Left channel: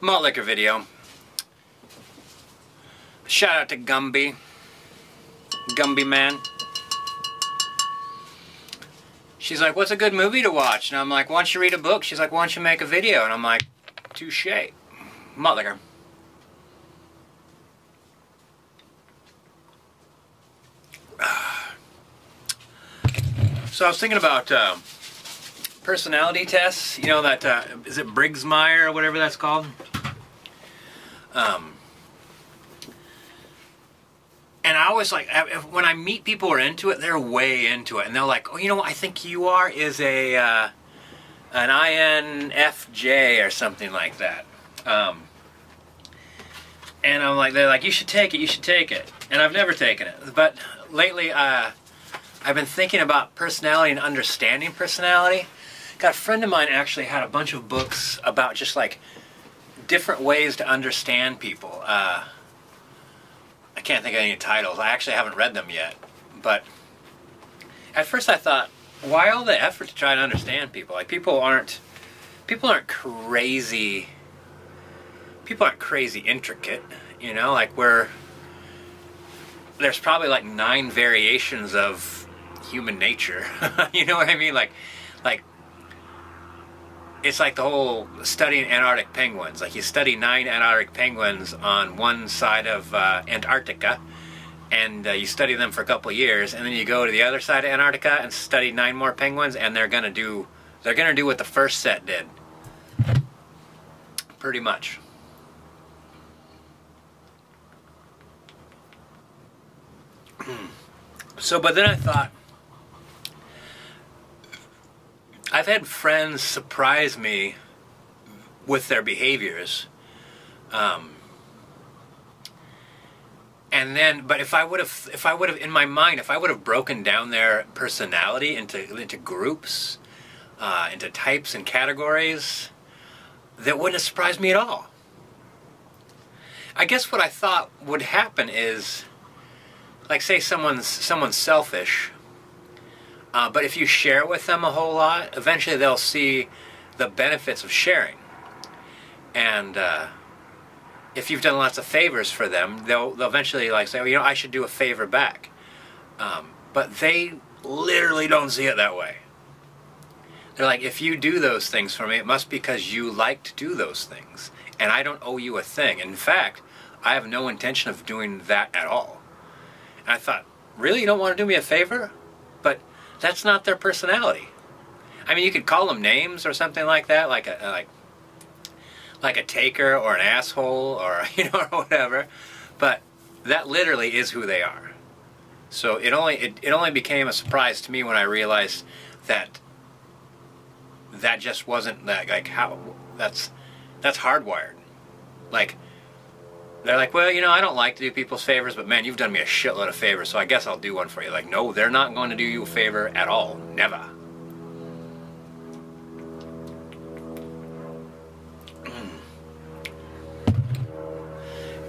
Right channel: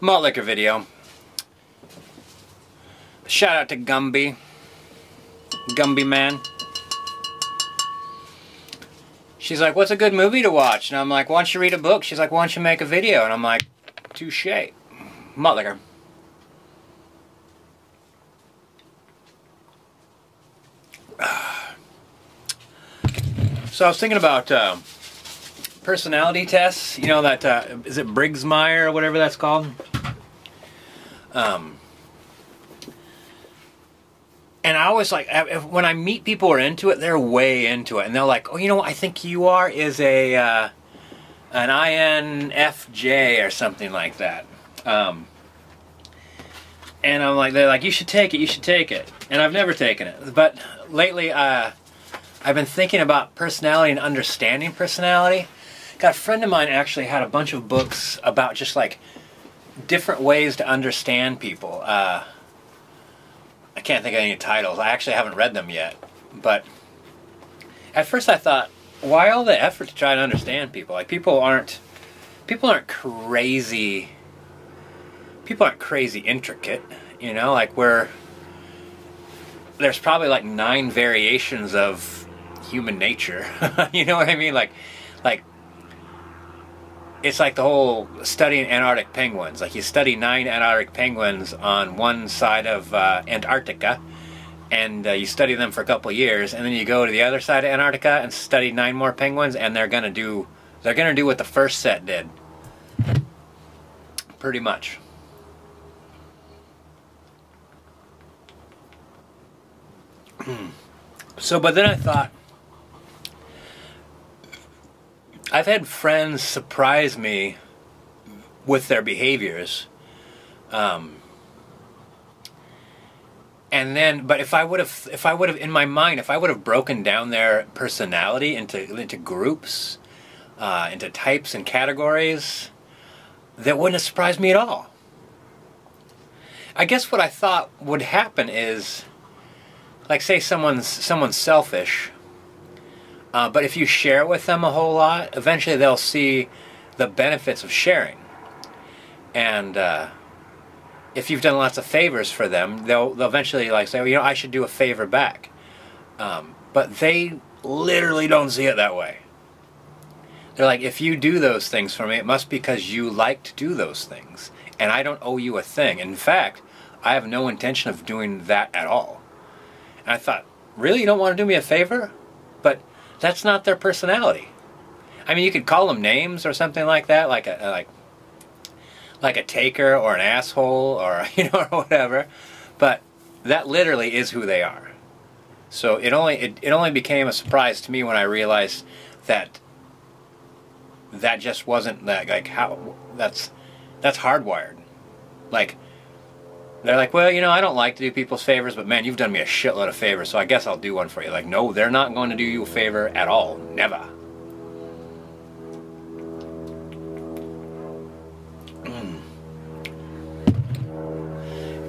Malt liquor video. Shout out to Gumby. Gumby man. She's like, what's a good movie to watch? And I'm like, why don't you read a book? She's like, why don't you make a video? And I'm like, touche. Malt liquor. So I was thinking about personality tests. You know that, is it Briggs-Meyer or whatever that's called? And I always like, when I meet people who are into it, they're way into it. And they're like, oh, you know what I think you are is an INFJ or something like that. And I'm like, they're like, you should take it, you should take it. And I've never taken it. But lately, I've been thinking about personality and understanding personality. Got a friend of mine actually had a bunch of books about just like different ways to understand people. I can't think of any titles. I actually haven't read them yet. But at first I thought, why all the effort to try to understand people? Like people aren't crazy. People aren't crazy intricate, you know, like there's probably like 9 variations of human nature. You know what I mean? Like it's like the whole studying Antarctic penguins. Like you study 9 Antarctic penguins on one side of Antarctica, and you study them for a couple of years, and then you go to the other side of Antarctica and study 9 more penguins, and they're gonna do what the first set did. Pretty much. So, but then I thought, I've had friends surprise me with their behaviors, and then, but if I would have, in my mind, if I would have broken down their personality into groups, into types and categories, that wouldn't have surprised me at all. I guess what I thought would happen is, like, say someone's selfish. But if you share with them a whole lot, eventually they'll see the benefits of sharing. And if you've done lots of favors for them, they'll eventually like say, well, you know, I should do a favor back. But they literally don't see it that way. They're like, if you do those things for me, it must be because you like to do those things. And I don't owe you a thing. In fact, I have no intention of doing that at all. And I thought, really? You don't want to do me a favor? But that's not their personality. I mean, you could call them names or something like that, like a taker or an asshole or or whatever. But that literally is who they are. So it only became a surprise to me when I realized that just wasn't that, like, how that's hardwired. Like, they're like, well, I don't like to do people's favors, but man, you've done me a shitload of favors, so I guess I'll do one for you. Like, no, they're not going to do you a favor at all. Never.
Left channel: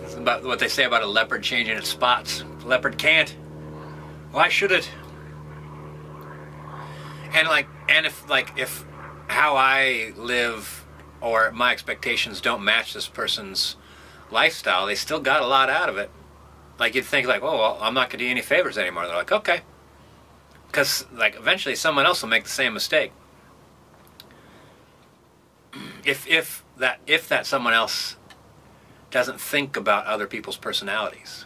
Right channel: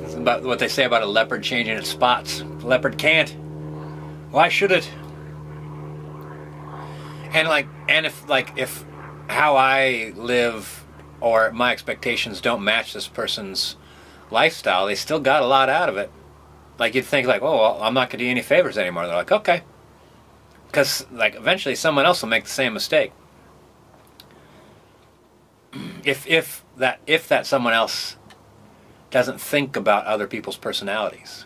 This is about what they say about a leopard changing its spots. The leopard can't. Why should it? And if how I live or my expectations don't match this person's lifestyle, they still got a lot out of it. Like, you'd think, like, oh, well, I'm not going to do any favors anymore. They're like, okay. Because, like, eventually someone else will make the same mistake. If that someone else doesn't think about other people's personalities.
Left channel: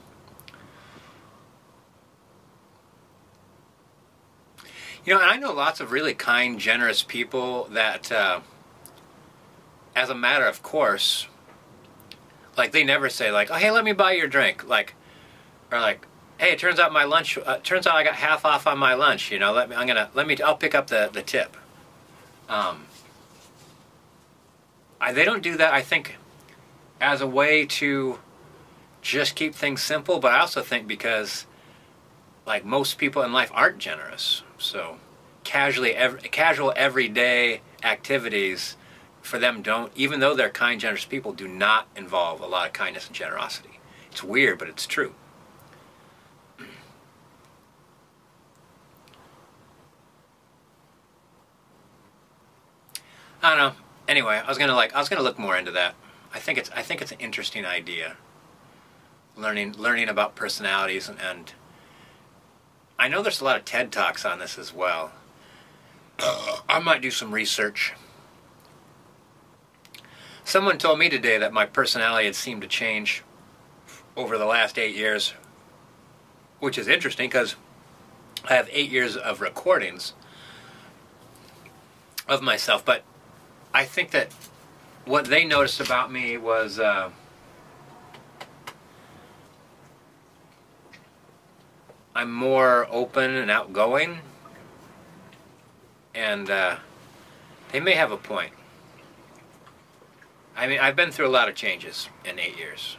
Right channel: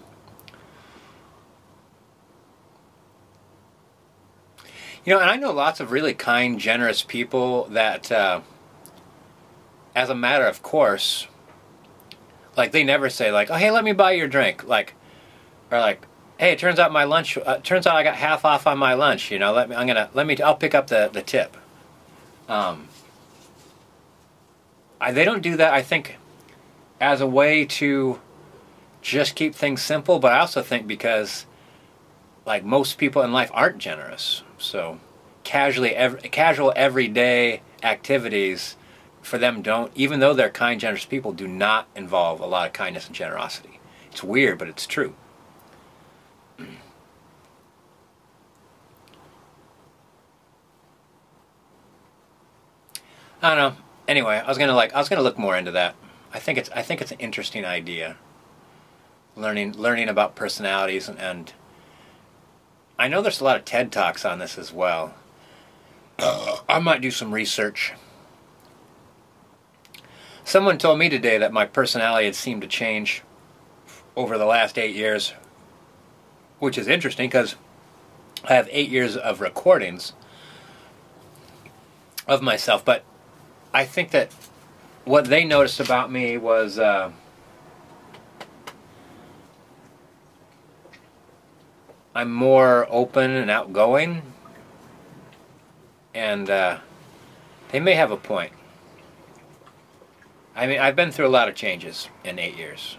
And I know lots of really kind, generous people that, as a matter of course, like, they never say, like, oh, hey, let me buy your drink. Like, or like, hey, it turns out my lunch, turns out I got half off on my lunch, I'll pick up the tip. They don't do that, I think, as a way to just keep things simple, but I also think because, like, most people in life aren't generous. So, casual everyday activities for them don't, even though they're kind, generous people, do not involve a lot of kindness and generosity. It's weird, but it's true. I don't know. Anyway, I was gonna look more into that. I think it's an interesting idea. Learning about personalities, and I know there's a lot of TED Talks on this as well. I might do some research. Someone told me today that my personality had seemed to change over the last 8 years, which is interesting because I have 8 years of recordings of myself, but I think that what they noticed about me was I'm more open and outgoing, and they may have a point. I mean, I've been through a lot of changes in 8 years.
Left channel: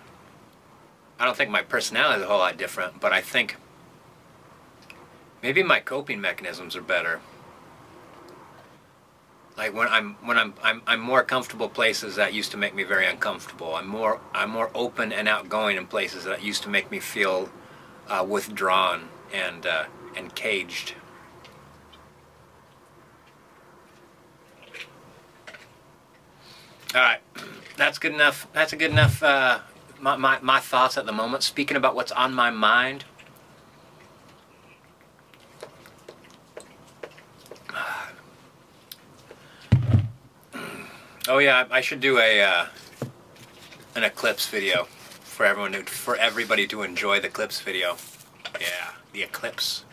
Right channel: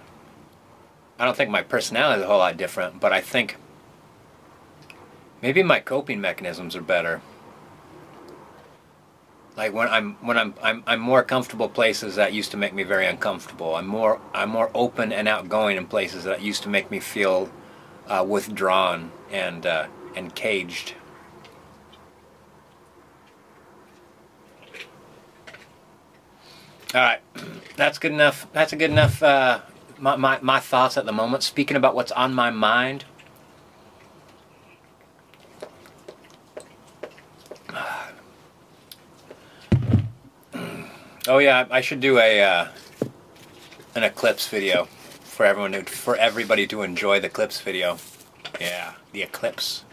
I don't think my personality is a whole lot different, but I think maybe my coping mechanisms are better. Like when I'm more comfortable places that used to make me very uncomfortable. I'm more open and outgoing in places that used to make me feel withdrawn and caged. All right, that's good enough. That's a good enough. My thoughts at the moment. Speaking about what's on my mind. Oh yeah, I should do an eclipse video for everybody to enjoy the eclipse video. Yeah, the eclipse.